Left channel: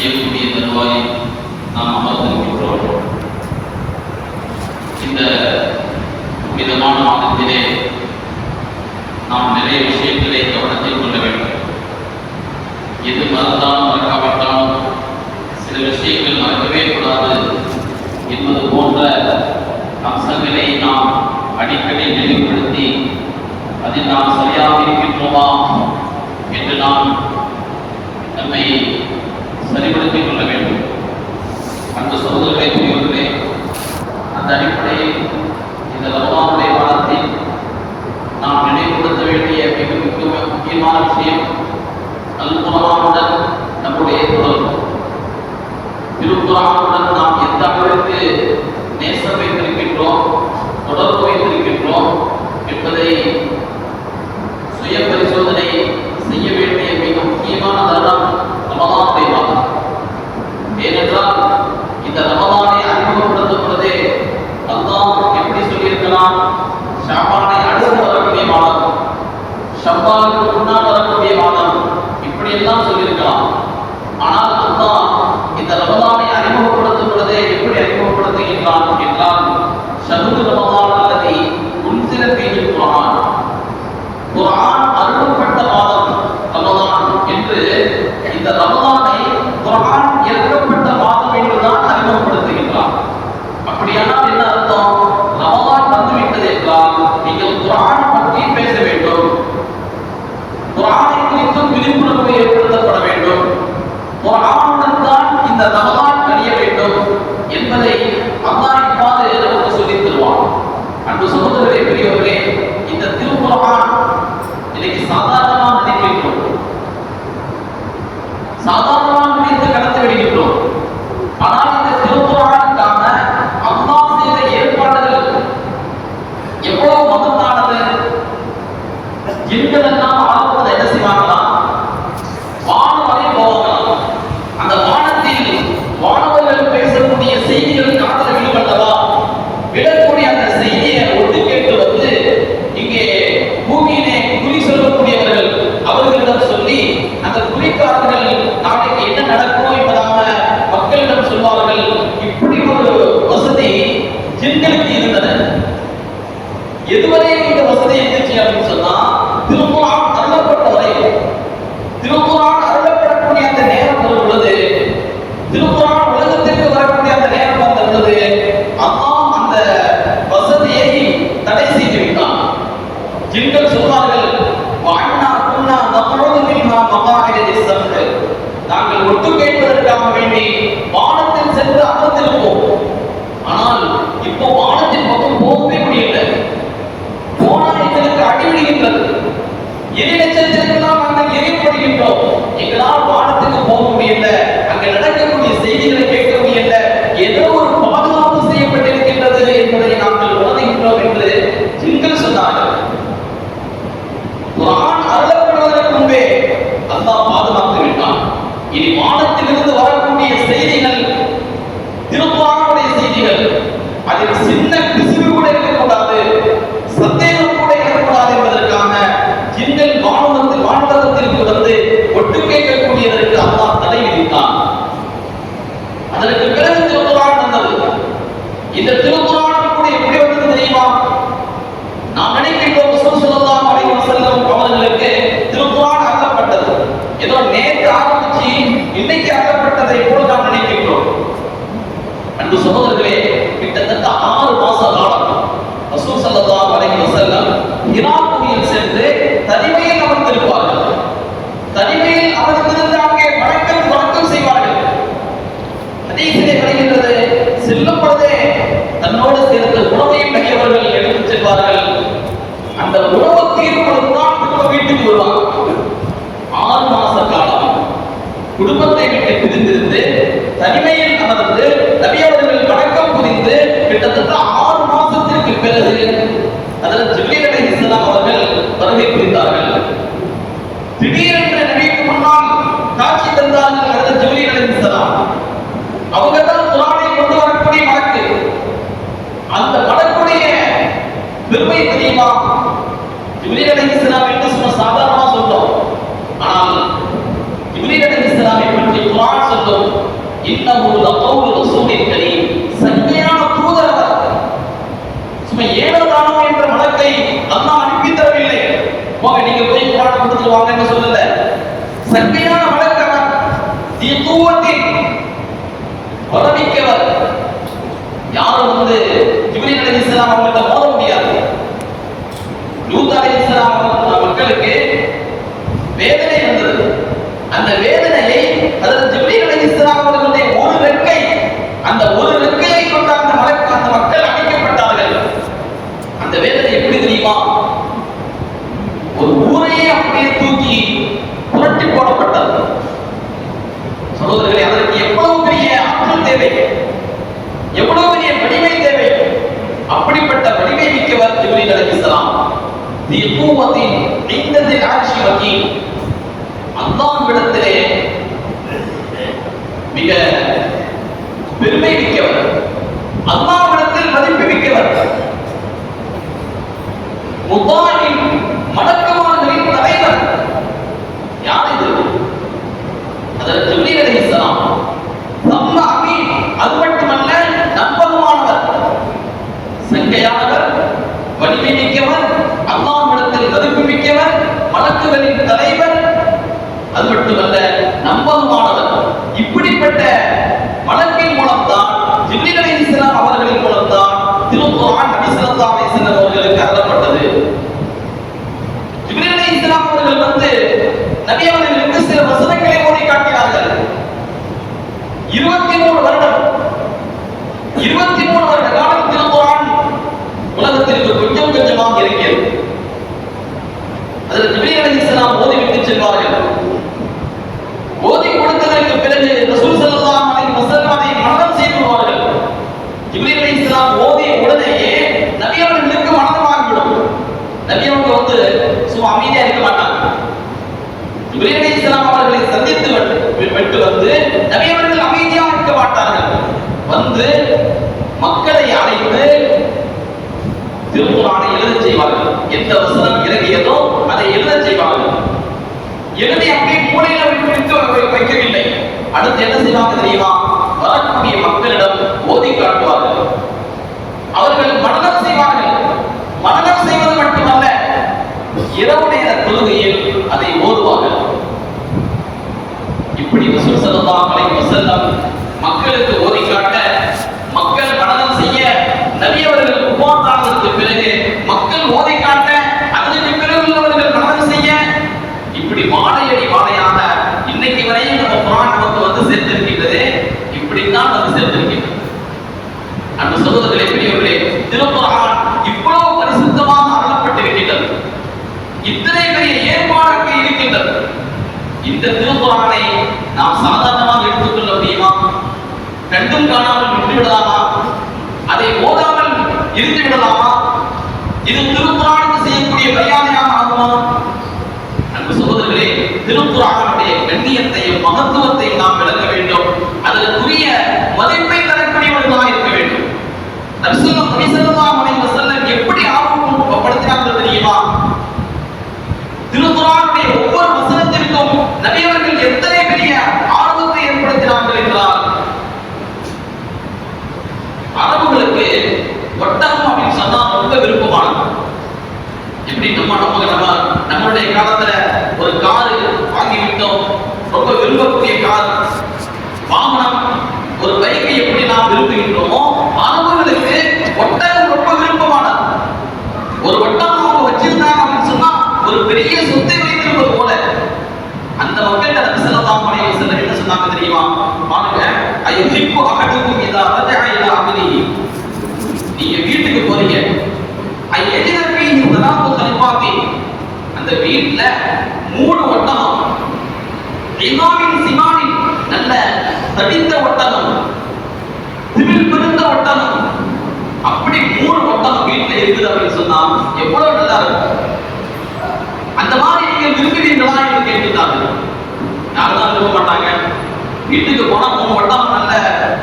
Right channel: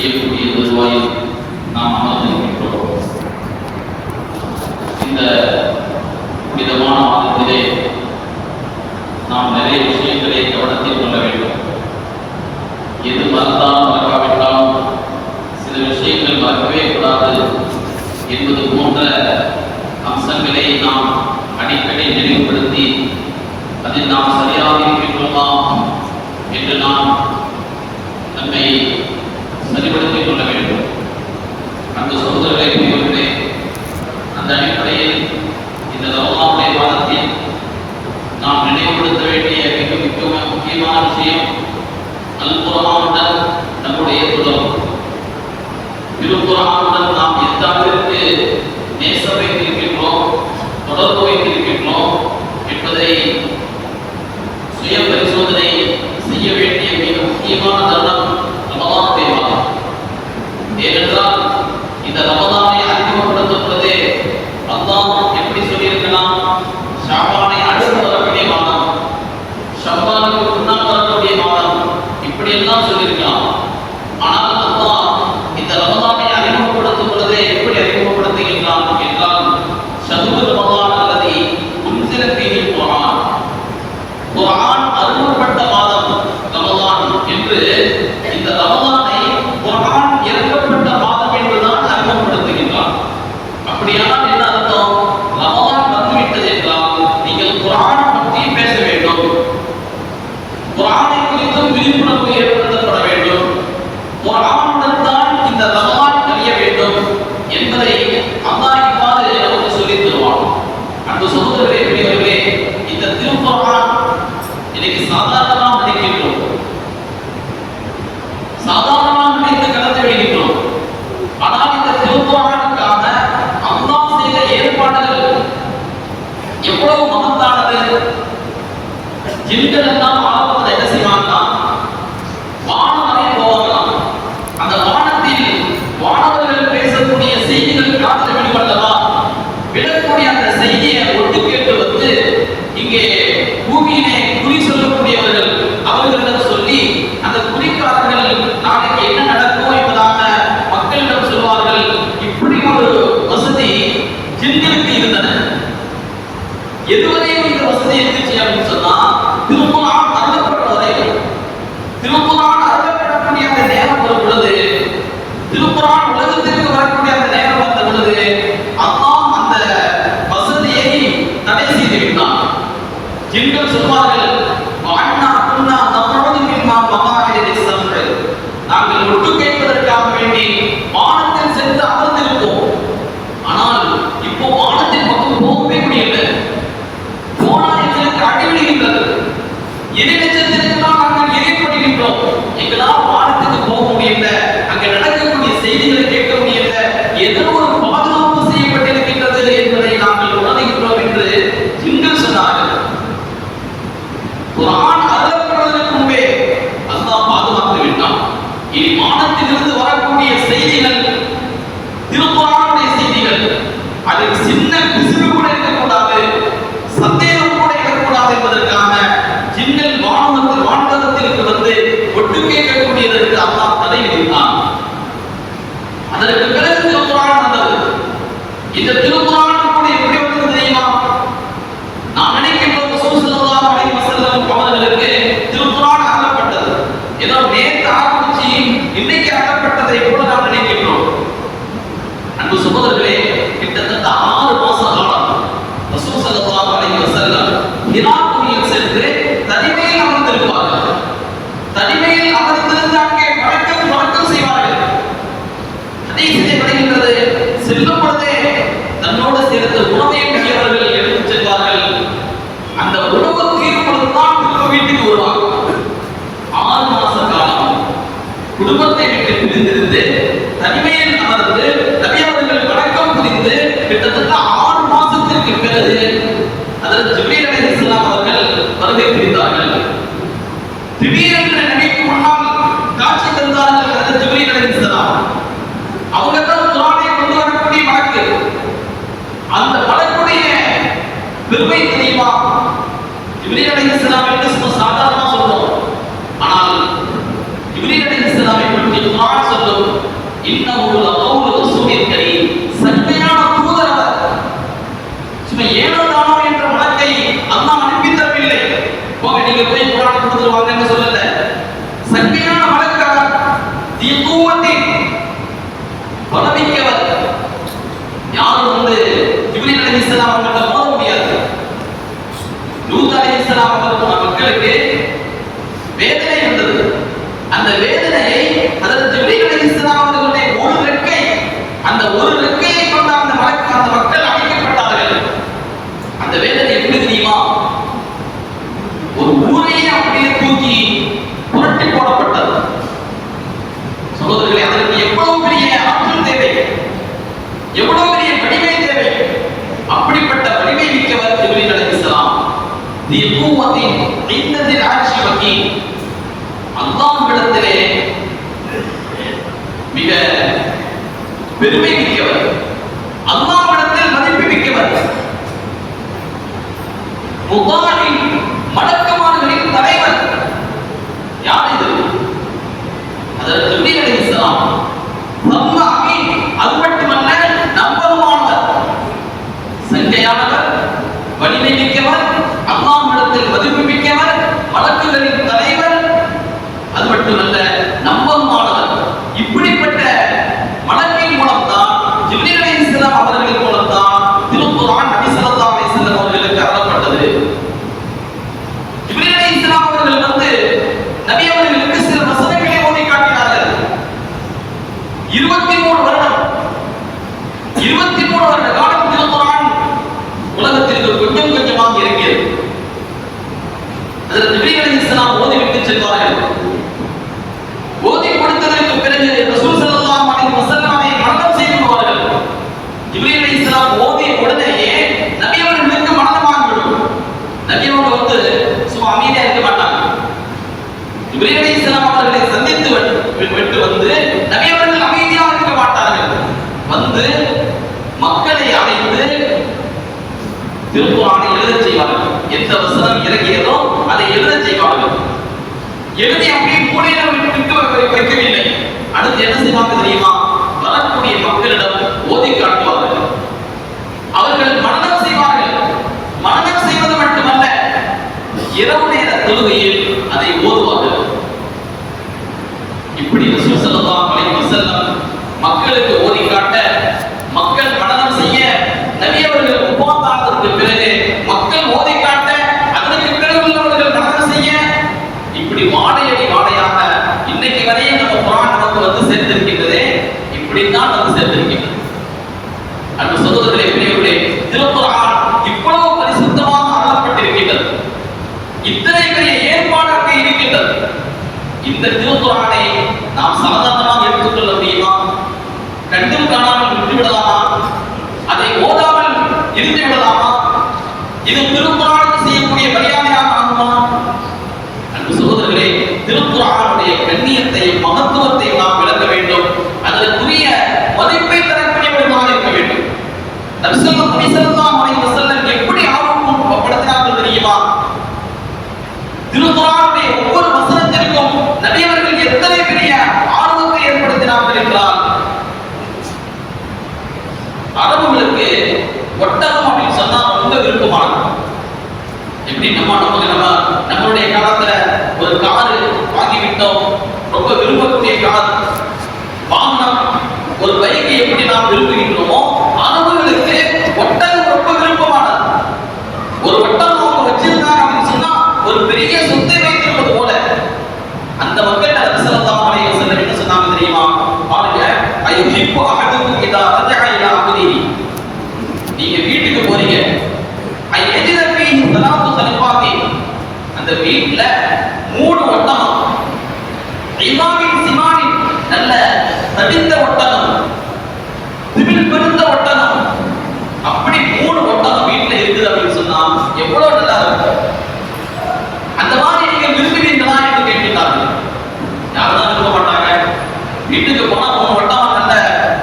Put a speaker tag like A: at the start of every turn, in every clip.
A: be able the majority திருக்குறான் அருளப்படக்கூடிய அந்த நேரம் வந்துள்ளது பொழுது உலகத்திற்கு வரக்கூடிய அந்த நேரம் வந்த பொழுது அந்த வசதியை தடை செய்து விட்டான். ஜிங்கள் எங்களால் சகோதரர்களே அந்த வழக்குடைய தெரியுமா? ஜூலி நடந்தலாம் ஆனால் ஜூலி நடந்தலாமை பற்றி குரான் சொல்லும் இன்னமுள்ள கவுல் ரசூலின் சும்மா ஏனோ தானோ என்ற வழக்கை அல்லாஹ் அனுப்பி தரவில்லை. போக நீங்க போய் குரான் পদাবিজ্ঞান அடக்கமான இருபத்தி மூணு வருடம். இருபத்தி மூணு வருட காலம் திருக்குறான் உலகத்திற்கு கொஞ்சம் கொஞ்சமாக இருக்கிறது அதில் நபிகளை எழுதி அப்படியே மூலையில குறித்து வைக்கவில்லை. அடுத்து என்ன செய்வாங்க தெரியுமா? வரக்கூடிய மக்களிடம் ஓதி காட்டுவார்கள். அவர்கள் மனநம் செய்வார்கள். மனநம் செய்வது மட்டுமல்ல இரவு நேர தொழுகையில் அதை ஓதுவார்கள். இப்படி ரசூசல்லாம் மக்களுக்கு இந்த திருக்குறானை நாம் சாதாரணமாக எடுத்துக்கொள்ள முடியுமா? கண்டும் காணாமல் விட்டுவிடலாமா? அதை ஓதாமல் இருந்து விடலாமா இது திருக்குறானுக்கு செய்யக்கூடிய மரியாதையாக ஆகுமா அன்பு சகோதரர்களே திருக்குறானுடைய கண்ணியத்தையும் மகத்துவத்தையும் நாம் விளக்க வேண்டும். அதற்குரிய மதிப்பை தரக்கூடியவர்களாக இருக்க வேண்டும். தரிசனம் போது நம்ம சிமாவின் சிமாவின் நல்ல தடிந்த ஒட்டகம் திமில் பிறந்த ஒட்டகம். அப்படி மூணு ஒட்டகம் வீட்டில் இருக்குது அப்படின்னு சொன்னா எவ்வளவு நல்லா இருக்கும். அந்த மாதிரி நீங்கள் விரும்புகிறீங்களா என்று கேட்டுட்டாங்க யாரெல்லாம் விரும்ப மாட்டாங்க? வீட்டுக்கு போனா மூணு ஒட்டகம் நல்ல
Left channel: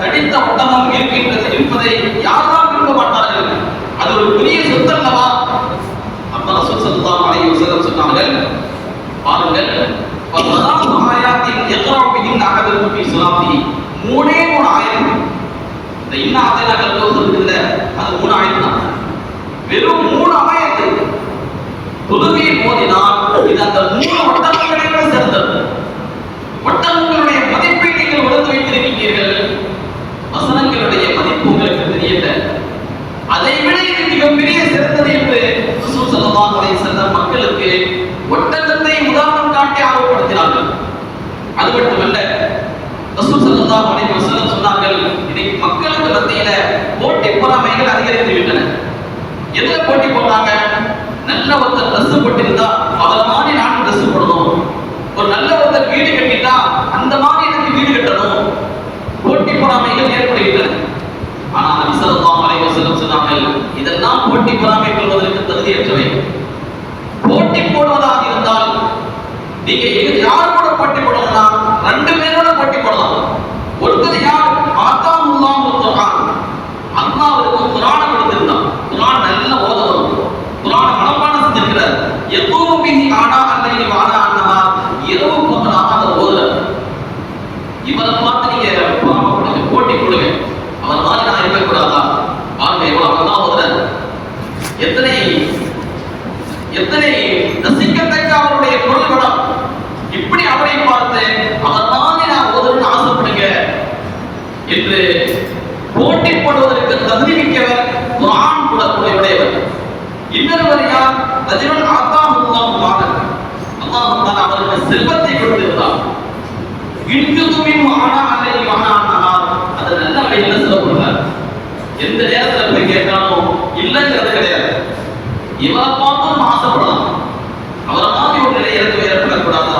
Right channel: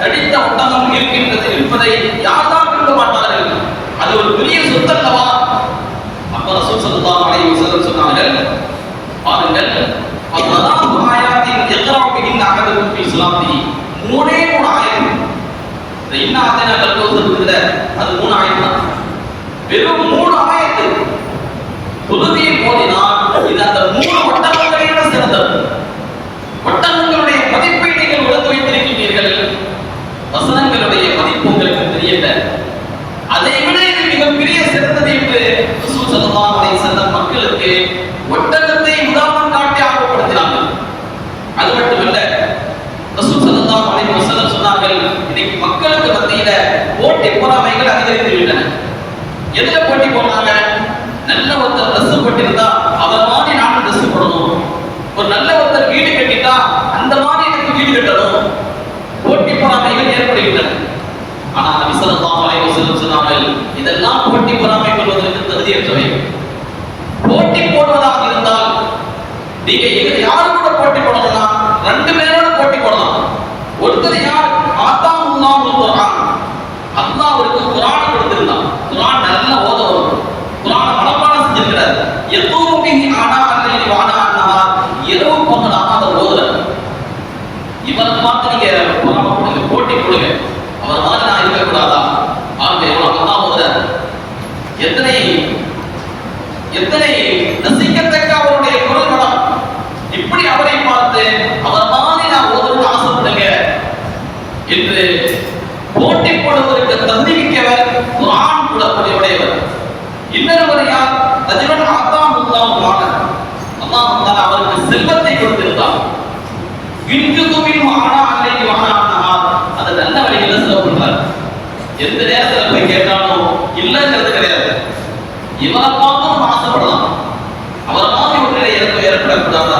A: தடித்த ஒட்டகம் இருக்கின்றது என்பதை யாரெல்லாம் விரும்ப மாட்டார்கள்? அது ஒரு பெரிய சொத்தல்லவா அப்ப ரசூல் சல்லா சொன்னாங்க பாருங்கள் அல்லாஹ் எல்லோ பிடிங் மூணே மூணு ஆயிரம். இன்னும் அத்தனை கல்லூர் இருக்குல்ல அது மூணு வெறும் மூணு ஆயிரத்து ட்ரெஸ் போட்டிருந்தா அவர் மாதிரி நானும் ட்ரெஸ் போடணும் ஒரு நல்ல ஒருத்தர் வீடு கட்டிட்டா அந்த மாதிரி எனக்கு வீடு கட்டணும். போட்டி பொறாமைகள் ஏற்படுகின்றன. ஆனால் நபி ஸல்லல்லாஹு அலைஹி இதெல்லாம் போட்டி பொறாமை கொள்வதற்கு தகுதியற்றவை போட்டி போடுவதாக இருந்தால் நீங்க இது யாரு கூட போட்டி போடலாம் ரெண்டு பேரோட போட்டி போடலாம். ஒருத்தர் யார்? ஆத்தாமுல்லாஹ் குர்ஆன். அல்லாஹ் அவருக்கு குர்ஆனை கொடுத்திருந்தான் குர்ஆன் நல்லா ஓத வரும் குர்ஆனை மனப்பாடம் செஞ்சிருக்கிறார் எத்தூமு பிஹி ஆனா அல்லைஹி வானா அன்னஹா இரவு பகலாக அதை ஓதுறார் இவரை பார்த்து நீங்க பொறாமப்படுங்க போட்டி கொடுங்க அவர் மாதிரி நான் இருக்கக்கூடாதா ஆக எவ்வளவு அவர் தான் ஓதுறார் எத்தனை எத்தனை ரசிக்கத்தக்க அவருடைய குரல் வளம் இப்படி அவரை பார்த்து அவர் மாதிரி நான் ஓதணும்னு ஆசைப்படுங்க என்று போட்டி போடுவதற்கு தகுதி மிக்கவர் குரான் கூட உடையவர் இன்னொருவர் யார் ரஜிவன் அல்லாஹுல்லாஹ் மாணன் அல்லாஹ் அவருக்கு செல்வத்தை கொடுத்திருந்தார். இன்று துமின் ஆனா அல்லை ஆனா அது நல்ல வழியில் சொல்லப்படுறார் எந்த நேரத்துல போய் கேட்டாலும் இல்லைங்கிறது கிடையாது. இவரை பார்த்தும் ஆசைப்படலாம் அவரை மாதிரி ஒரு நிலை எனக்கு ஏற்படக்கூடாதா?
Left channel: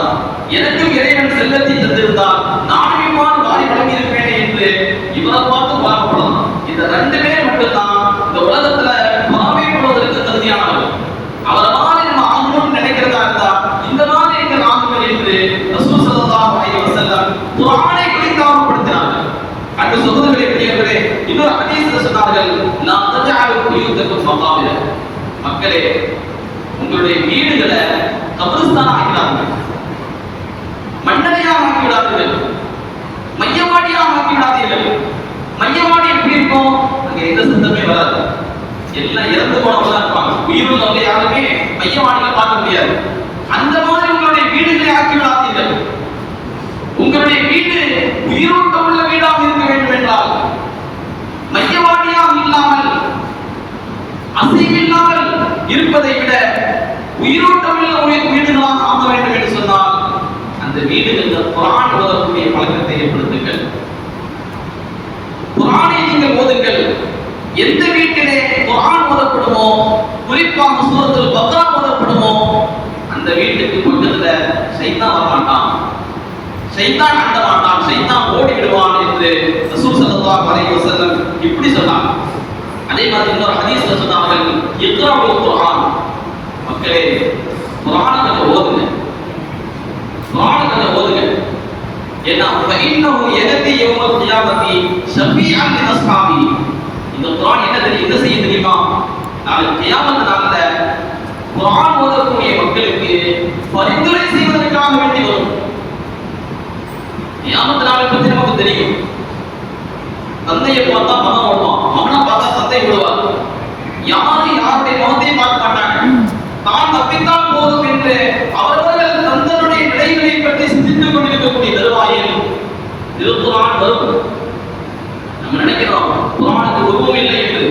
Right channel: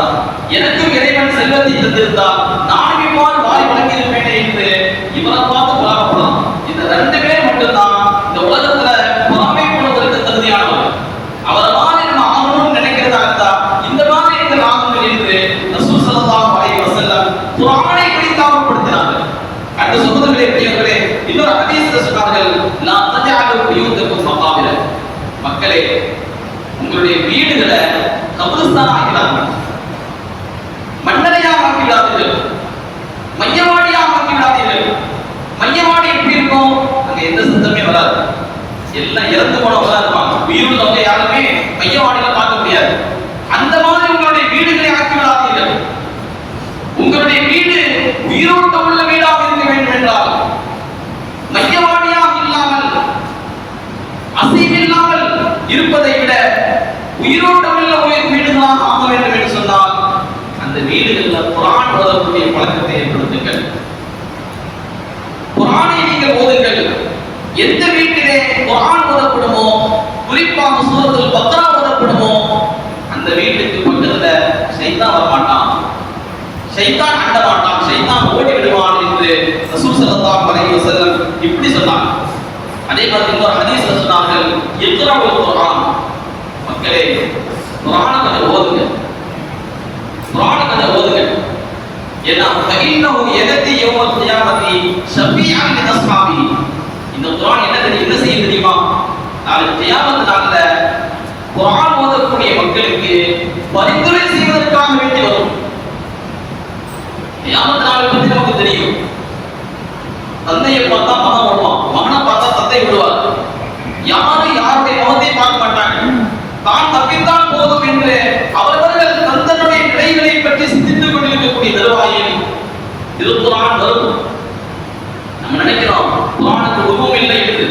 A: எனக்கும் இறைவன் செல்வத்தை தந்திருந்தால் நான் இவ்வாறு வாரி வழங்கியிருப்பேனே இவனை பார்த்து பொறாமப்படலாம் இந்த ரெண்டு பேர் மட்டும்தான் இந்த உலகத்துல பொறாமைப்படுவதற்கு தகுதியானவர். அவரை மாதிரி நம்ம ஆகணும்னு நினைக்கிறதா இருந்தா இந்த மாதிரி எங்கள் ஆகுங்கள் என்று ரசூல் ஸல்லல்லாஹு அலைஹி வஸல்லம் குர்ஆனை குறித்து ஆர்வப்படுத்தினார்கள் அன்று சகோதரர்களே பிள்ளைகளே இன்னொரு ஹதீஸ்ல சொன்னார்கள் நான் தஜஅலு புயூதக்கும் மகாபிர மக்களே உங்களுடைய வீடுகளை கபிரஸ்தான் எல்லாம் இறந்து போனவங்க தான் இருப்பாங்க உயிருள்ளவங்க யாருமே மையவாடியில பார்க்க முடியாது. அந்த மாதிரி உங்களுடைய வீடுகளை ஆக்கி விடாதீர்கள் உங்களுடைய வீடு உயிரோட்டம் உள்ள வீடாக இருக்க வேண்டும் என்றால் மையவாடியாக இல்லாமல் அசைவில்லாமல் இருப்பதை விட உயிரோட்டம் உள்ள உயிர் வீடுகளாக ஆக வேண்டும் என்று சொன்னால் அந்த வீடுகளில் குரான் ஓதக்கூடிய பழக்கத்தை ஏற்படுத்துங்கள். குரானை நீங்கள் ஓதுங்கள். எந்த வீட்டிலே குரான் ஓதப்படுமோ? குறிப்பாக சூரத்தில் பக்ரா ஓதப்படுமோ? அந்த வீட்டுக்கு பக்கத்துல சைத்தான் வரமாட்டான் சைத்தான் அண்ட மாட்டான். சைத்தான் ஓடி விடுவான் என்று ரசூல் சல்லா அலைஹி வஸல்லம் இப்படி சொன்னாங்க. அதே மாதிரி இன்னொரு ஹதீஸ்ல சொன்னார்கள் இக்ராவுல் குரான் மக்களே குர்ஆனை கொஞ்சம் ஓதுங்க. குர்ஆனை கொஞ்சம் ஓதுங்க. ஏன்னா ஃபஇன்னஹு யததி யௌமல் கியாமத்தி ஷஃபீஅன் லிஅஸ்ஹாபி இந்த குர்ஆன் என்ன தெரியும் என்ன செய்ய தெரியுமா நாளை கியாமத் நாளில் குர்ஆன் ஓதக்கூடிய மக்களுக்கு பரிந்துரை செய்வதற்காக வேண்டி வரும் கியாமத் நாளை பற்றி நமக்கு தெரியும் தந்தையை பார்த்தா மகன் வருவான் மகனை பார்த்தா தந்தை விடுவார் யாரும் யாருடைய முகத்தை பார்க்க மாட்டாங்க தான் தப்பித்தான் போதும் என்று அவரவர்கள் தந்தனுடைய விடைகளை பற்றி சிந்தித்துக் கொண்டிருக்கக்கூடிய தருவாயில் திருக்குறான் வரும் நம்ம நினைக்கிறோம் குரானுக்கு உருவம் இல்லை என்று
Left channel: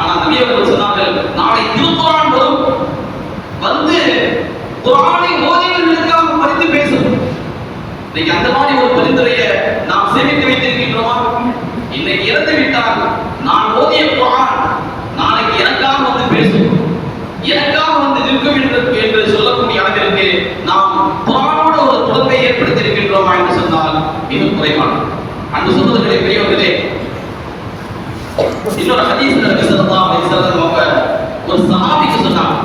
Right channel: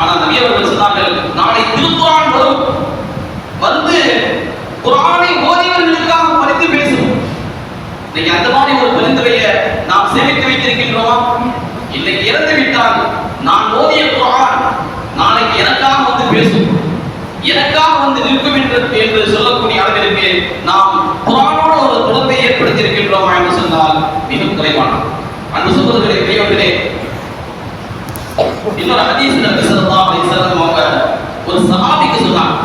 A: ஆனால் நபியவர்கள் சொன்னார்கள் நாளை திருக்குறான் வரும் வந்து குரானை ஓதியவர்களுக்காக பரிந்து பேசும் இன்னைக்கு அந்த மாதிரி ஒரு பரிந்துரையை நாம் சேமித்து வைத்திருக்கின்றோமா? இன்னைக்கு இறந்து விட்டால் நான் ஓதிய குரான் நாளைக்கு எனக்காக வந்து பேசும். எனக்காக வந்து நிற்கும் என்று என்று சொல்லக்கூடிய அளவிற்கு நாம் குரானோட ஒரு தொடர்பை ஏற்படுத்தியிருக்கின்றோமா என்று சொன்னால் மிகவும் குறைவான அந்த சகோதரர்களே பெரியவர்களே இன்னொரு ஹதீஸ் நபி ஸல்லல்லாஹு அலைஹி வஸல்லம் அவங்க ஒரு சஹாபிக்கு சொன்னாங்க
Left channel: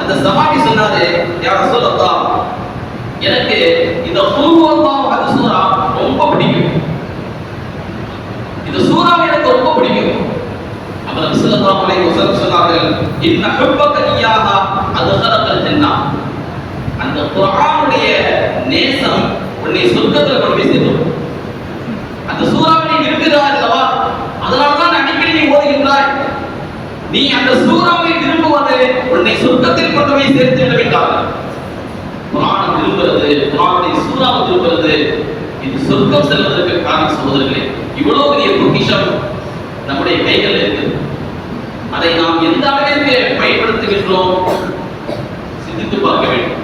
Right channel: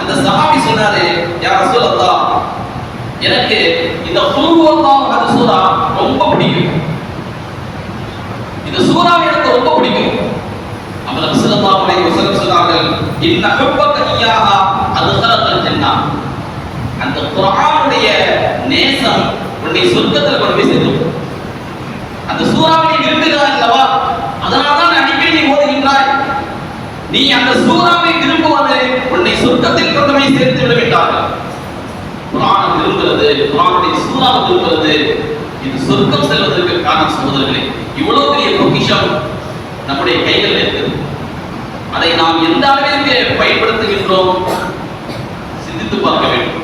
A: அந்த சஹாபி சொன்னாரு யா ரசூலல்லாஹ் எனக்கு இந்த குல்ஹுவல்லாஹ் அந்த சூரா ரொம்ப பிடிக்கும் இந்த சூறா எனக்கு ரொம்ப பிடிக்கும் அப்ப நபி ஸல்லல்லாஹு அலைஹி வஸல்லம் சொன்னார்கள் இன்ன ஹுப்பக இய்யாஹா அத்கலகல் அந்த குர்ஆனுடைய நேசம் உன்னை சொர்க்கத்தில் கொண்டு போய் சேர்த்தும் அந்த சூறாவை விரும்புகிறாய் அல்லவா? அதனால தான் அடிக்கடி நீ அந்த சூறாவை விரும்புவது உன்னை சொர்க்கத்தில் கொண்டு போய் சேர்த்து விட வேண்டார்கள் குரான் விரும்புறது குரானுடைய சூறாவை விரும்புறது இது சொர்க்கம் செல்வதற்கு காரணம் சகோதரர்களே இவ்வளவு பெரிய பொக்கிஷம் நம்முடைய கைகளில் இருக்குது. அதை நாம் எந்த அளவிற்கு பயன்படுத்துகின்றோம்? சிந்தித்து பார்க்க வேண்டும்.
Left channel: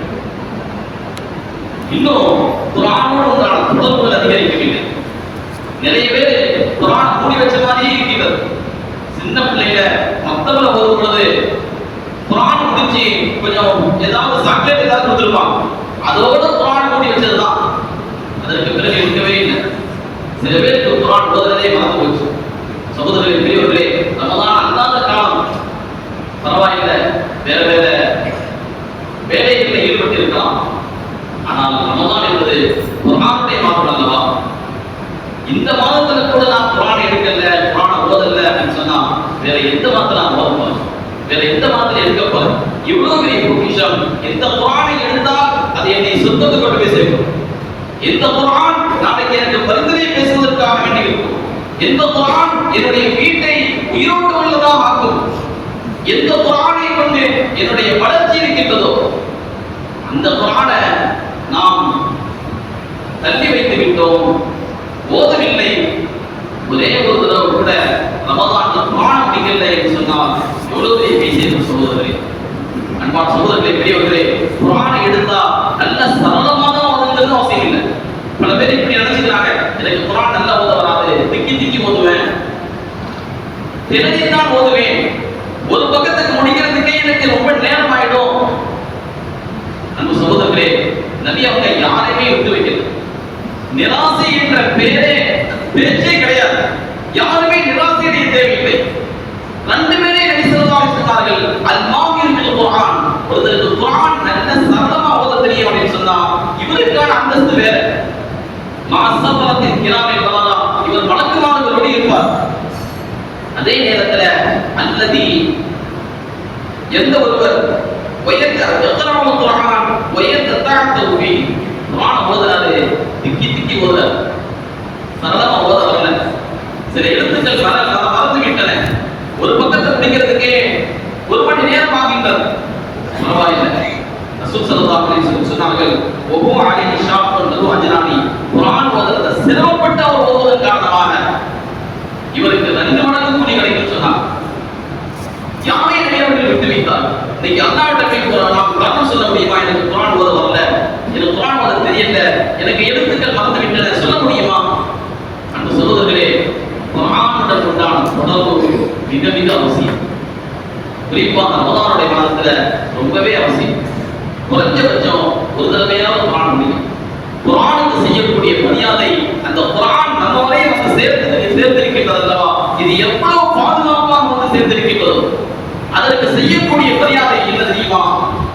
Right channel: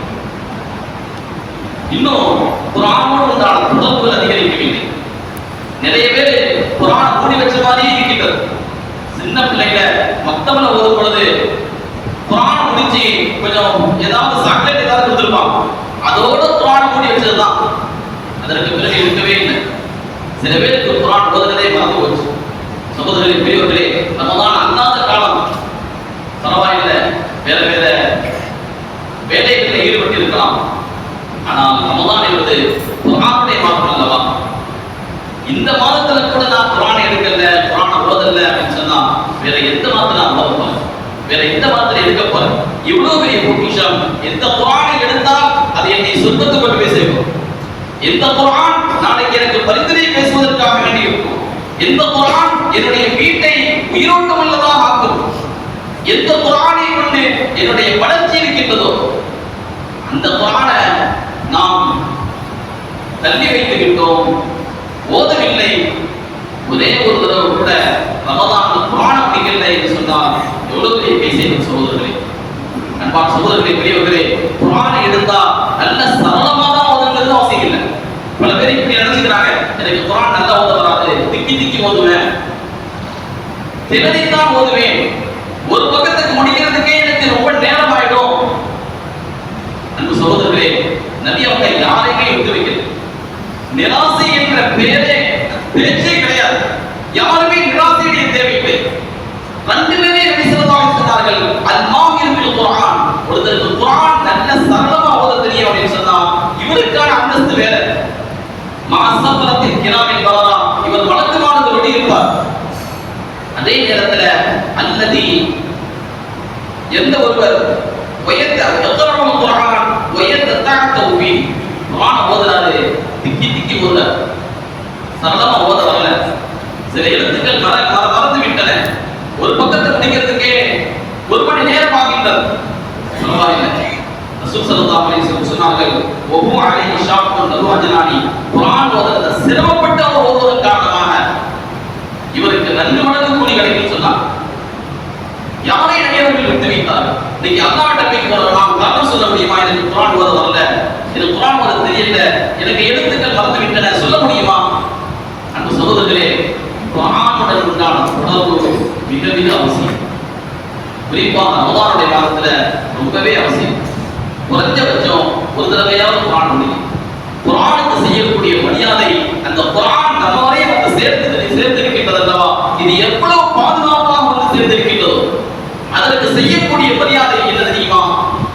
A: இன்னும் குரானோடு உண்டான தொடர்புகள் அதிகரிக்கவில்லை. நிறைய பேர் குரான் மூடி வச்ச மாதிரியே இருக்கின்றது. சின்ன பிள்ளைங்க மொத்தமில் ஓதும் பொழுது குரான் முடிச்சு கொஞ்சம் ஏதாவது சாக்லேட் ஏதாவது கொடுத்துருப்பாங்க. அதோட குரான் மூடி வச்சதுதான். அதற்கு பிறகு இருக்கவே இல்லை. சில பேருக்கு குரான் ஓதுறதே மறந்து போச்சு. சகோதரர்கள் பெரியவர்களே ரமதான் அல்லாத காலம் பரவாயில்லை வேற வேற வேலைகளில் ஈடுபட்டு இருக்கலாம் ஆனால் ரமதான் என்பது குரானுடைய மாதம் அல்லவா இந்த மாதத்துல கூட நான் குரான் எடுக்கல குரானை ஓதல அப்படின்னு சொன்னா வேற எந்த மாதத்துல நான் ஓத போறேன் வேற எந்த மாதத்துல எடுக்க போறேன் இவ்வளவு பெரிய பொக்கிஷம் எந்த குரானை எடுத்தால் அதை என்னை சொந்தத்துக்கு கொண்டு போய் சேர்க்கும் எந்த குரான் நாளைக்கு எனக்கு பரிந்துரை பேசுவதற்காக வேண்டி இருக்கும் எந்த குரான் என்னுடைய வீட்டை உயிரோட்டம் உள்ளதாக ஆக்கும் எந்த குரானை கொண்டு என்னுடைய வளர்ச்சி இருக்கின்றதோ அந்த குரானை நாம் தள்ளி வைத்து விட்டோம் ஓதவில்லை. ஒரே ஒரு தடவை கூட ரமதான் குரான் முடிக்கவில்லை என்று சொன்னால் எவ்வளவு பெரிய சகோதரர்களே? அன்பான் சகோதரர்களே பெரியவர்களே குரானை எடுத்தால் நல்ல சரளமாக தான் ஓதுங்கிறது அவசியம் இல்லை பல பேர் இப்படி நினைச்சுக்கிறாங்க. எனக்கு குரான் நல்லா ஓத வராது. திக்கி திக்கி ஓதுவேன். தினதின்தான் ஓதுவேன். ஒரு பக்கத்துக்கு முடிக்கிறதுக்கே எனக்கு ரொம்ப நேரம் ஆயிடும் அன்பு சகோதரர்களே நபி அவங்க யாரையுமே எடுத்து வைக்கிறது நிராசை என்ற பேரே பேச்சே கிடையாது யாருமே நிராசையுடைய தேவையில்லை ரெண்டு பேரே நபி ஸல்லல்லாஹு அலைஹி சொன்னார்கள் அல் மாஹிர் பில் குர்ஆன் ஒருத்தருக்கு குர்ஆன் நல்ல சரளமா ஓத தெரியும் அப்படின்னு சொன்னா இவருக்கான அந்தஸ்து வேற மாசபலத்தின் கிராமில் பலரா இவர் வழக்கமானவரோடு இருப்பார் அதே நேரத்துல அல்லதி எந்த ஒருவர் வயத்த எத்தனாவது குரான் வயத்த தாக்க உபி குரான் ஓதுறாரு திக்கி திக்கி ஓத சரளமா ஓத வரல சில எழுத்துக்கள் மற மற- மறந்து விட்டன. ஒரு பக்கத்தை முடிக்கிறதுக்கே ஒரு மணி நேரம் ஆகின்றது பரவாயில்லை ரசூல் ஸல்லல்லாஹு அலைஹி வஸல்லம் சொன்னார்கள் ஒவ்வொரு அலைஹி ஷாப் நது அஜலானி குர்ஆன் ஓதுறத சிரமப்பட்டு அவர் ஓதுவதன் காரணமாக இவருக்கு ரெண்டு மடங்கு கூலி கிடைக்கும் சொன்னார் யாரை நபியவர்கள் விட்டு வைத்தார் இன்னைக்கு அல்லாஹ்ட்ட போய் நான் நாம் சொல்ல முடியுமா? எனக்கு குரான் ஓத வரல எனக்கு குரான் ஓத தெரியல. எனக்கு எழுத்துக்கள் மறந்து விட்டன சொல்ல முடியுமா? அந்த சகோதரர்களே குரானுடன் உண்டான தொடர்பு மிக மிக அவசியம். குறிப்பாக ரமதானுடைய மாதத்துல ரொம்பவே அவசியம். குறைஞ்சபட்சம் ஒரு தடவையாவது குரான் முடியும் குரானுக்கு செய்யக்கூடிய மரியாதை அந்த குரான் நம்ம வரையும் வந்து சேர்த்து சேர்த்திருக்கின்றது அல்லவா? இது எவ்வளவு பாதுகாப்பாக வந்து சேர்ந்திருக்கிறது அதற்கு செய்யக்கூடிய மரியாதை என்ன தெரியுமா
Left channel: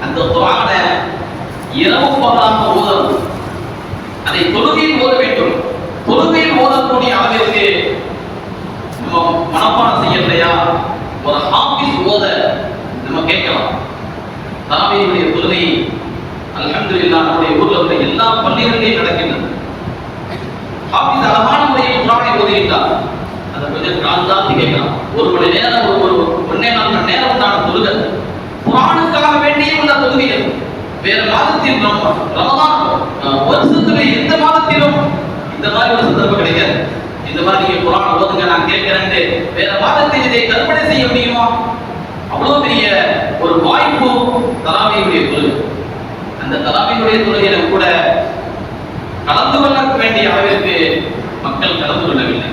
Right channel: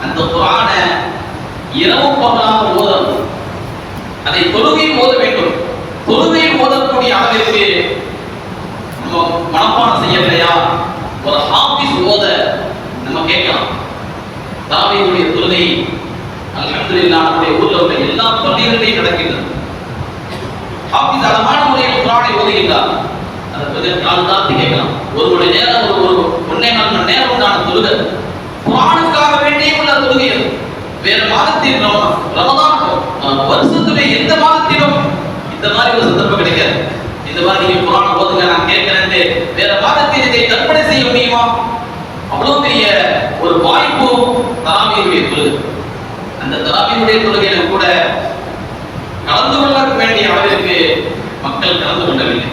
A: அந்த குரானை இரவு பகலாக ஓதணும் அதை தொழுகையில் ஓத வேண்டும் தொழுகையில் ஓதக்கூடிய அளவிற்கு நம்ம மனப்பாடம் செய்யலையா ஒரு ஹாஃபிஸ் ஓத நம்ம கேட்கலாம் தாவீதுடைய தொழுகை அல்ஹம்துலில்லாஹ் நம்முடைய ஊர்ல உள்ள எல்லா பள்ளிகளிலேயும் நடக்கின்றது ஹாஃபிஸ் அழகான முறையில் குரானை ஓதுகின்றார் அதை கொஞ்சம் கால் தாழ்த்தி கேட்கலாம் ஒரு மணி நேரம் ஒரு ஒரு ஒன்னே நாலு மணி நேரம் உண்டான தொழுகை குரானுக்காக வேண்டியே உள்ள தொழுகை அது வேற மாதத்தில் நம்ம ரமதான் அஹ், வருஷத்துல எந்த மாதத்திலும் இந்த மாதிரி ஒரு சந்தர்ப்பம் கிடைக்காது. இந்த மாதிரி நீங்க குரான் ஓதுங்க நான் கேட்கிறேன் வேற மாதத்தில் இதை கற்பனை செய்ய முடியுமா? அவ்வளவு பெரிய ஒரு வாய்ப்பு தராவியுடைய தொழுகை. அந்த தராவியுடைய தொழுகையில கூட கலந்து கொள்ள வேண்டிய அளவிற்கு மக்கள் கலந்து கொள்ளவில்லை.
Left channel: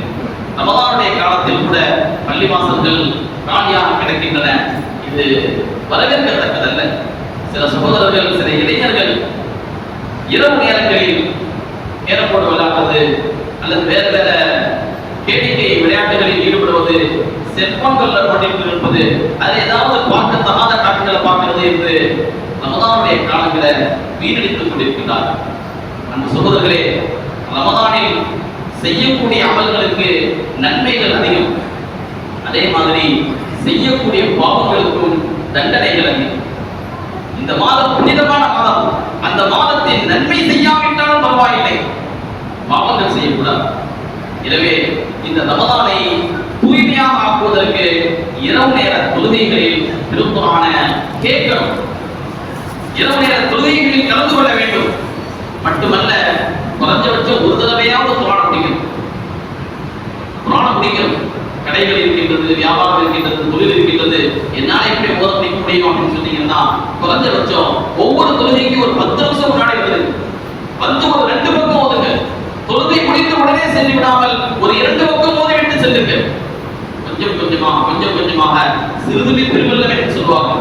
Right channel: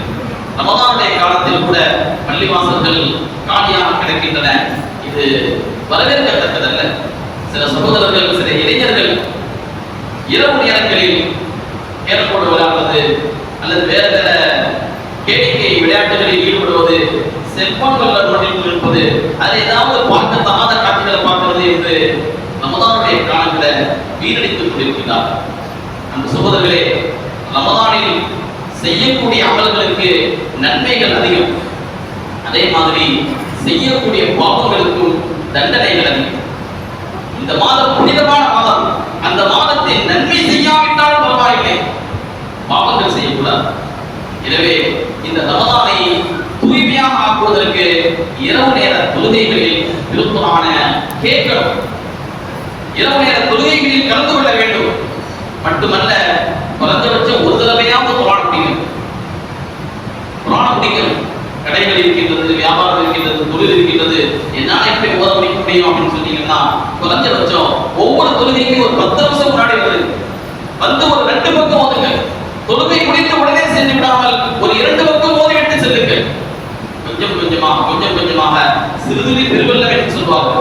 A: ரமதானுடைய காலத்தில் கூட பள்ளிவாசல்கள் காலியாக கிடக்கின்றன. இது வரவேற்கத்தக்கதல்ல. சில சகோதரர்கள் சில இளைஞர்கள் இரவு நேரங்களில் கேரம்போர்டு விளையாடுறது அல்லது வேற வேற கேளிக்கை விளையாட்டுகளில் ஈடுபடுவது செல்போன்களில் நோண்டிட்டு இருப்பது அது ஏதாவது பார்க்க தகாத காட்சிகளை பார்க்கிறது என்று ரமதானுடைய காலங்களை வீணடித்துக் கொண்டிருக்கிறார். நம் சகோதரர்களே ரமதானில் செய்யக்கூடிய அமல்களுக்கு நன்மைகள் அதிகம். அதே மாதிரி செய்யக்கூடிய பாவங்களுக்கும் தண்டனைகள் அதிகம். இந்த மாதம் புனிதமான மாதம். அந்த மாதத்தில் நன்மை செய்யாவிட்டாலும் பரவாயில்லை. பாவங்கள் செய்யக்கூடாது. எனவே இந்த ரமதானை தூய்மையாக ஆக்குவதற்கு இரவு நேர தொழுகைகளில் விருப்பமான கேட்கணும். இரவு நேர தொழுகைகளில் கலந்து கொள்ள வேண்டும். மட்டுமல்ல குறைஞ்சபட்சம் ஒரு தடவையாவது குரான் பிடிக்கணும். குரான் பிடிக்கணும். கடைகள் இருக்கின்றது வியாபாரம் இருக்கின்றது தொழில் இருக்கின்றது. என்னால இப்படி ஓத முடிக்க முடியும் அப்படின்னு சொன்னீங்கன்னா குறைஞ்சபட்சம் ஒவ்வொரு தொழுகைக்கும் ஒரு பத்து நிமிஷம் முன்னாடி வருது வந்து ஒரு ரெண்டு பக்கம் ஓதுங்க. தொழுகை முடித்த உடனே சென்று விடாமல் ஒரு இரண்டு பக்கம் ஓதி விட்டு செல்லுங்க. கொஞ்சம் கொஞ்சமா கொஞ்சம் கொஞ்சமாக சிறுதுளி பெருவெல்ல என்று சொல்வாங்க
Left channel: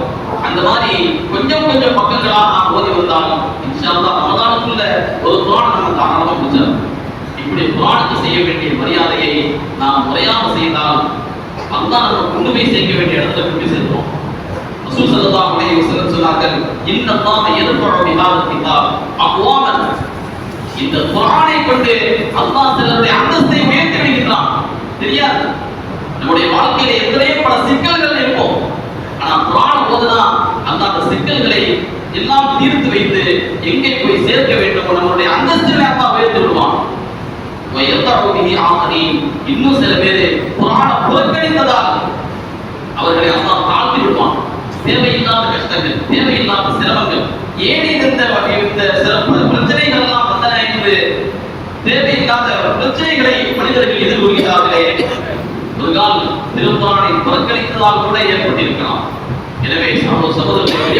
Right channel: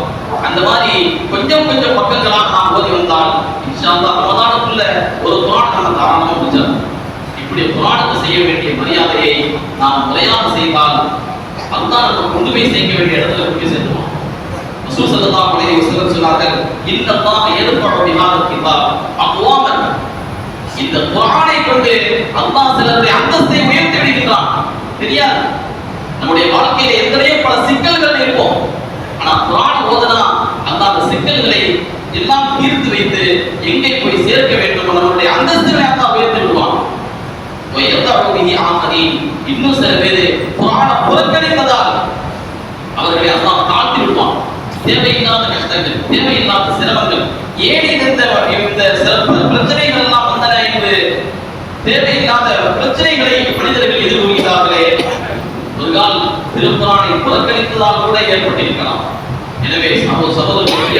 A: அந்த மாதிரி கொஞ்சம் கொஞ்சம் பக்கங்களாக நாம் ஓதி வந்தால் இன்ஷா ரமதானுக்குள்ள ஒரு குரான் நம்ம தாராளமாக முடிச்சிடும் இப்படி குரானுக்கு செய்ய வேண்டிய மரியாதையை நாம் முறையாக செய்தால் அதுதான் நம்ம கொண்டு போய் சேர்க்க வேண்டிய இடத்துல கொண்டு போய் சேர்த்துவோம் ரசூல் ஸல்லல்லாஹு அலைஹி வஸல்லம் சொன்னார்கள் இன்னல்லாஹ யர்ஃபஉ பிஹாதல் கிதாப் அக்வாமன் இந்த குர்ஆனை கொண்டு அல்லாஹ் சிலருடைய அந்தஸ்தை உயர்த்தி விடுகிறான் தெரியாது? நம்முடைய வாழ்க்கையில எத்தனை பல சிக்கல்கள் இருக்கும். ஆனா குர்ஆன் ஓதுனா அந்த அந்த சிக்கல்களை எல்லாம் தீர்த்து வைத்து எங்கே போய் சேர்க்க வேண்டும் நம்மளுடைய அந்தஸ்துகளை அல்லாஹ் உயர்த்தி விடுவான். இன்னும் சில பேர் குர்ஆனை புறக்கணி அவர்களை அல்லாஹ் தாழ்த்தி விடுவான் தேவையில்லாத கஷ்டங்கள் தேவையில்லாத சிரமங்கள் ஏன் இந்த இந்த சிறப்பு பிரச்சனைகள் எல்லாம் வந்தன என்று தேவையில்லாத பிரச்சனைகளை மனிதர்கள் எதிர்கொள்கிறார்களே. ஒரு கால் திருக்குறானை புறக்கணித்ததால் கூட ஏற்பட்டிருக்கலாம். எனவே சகோ சகோதரர்கள்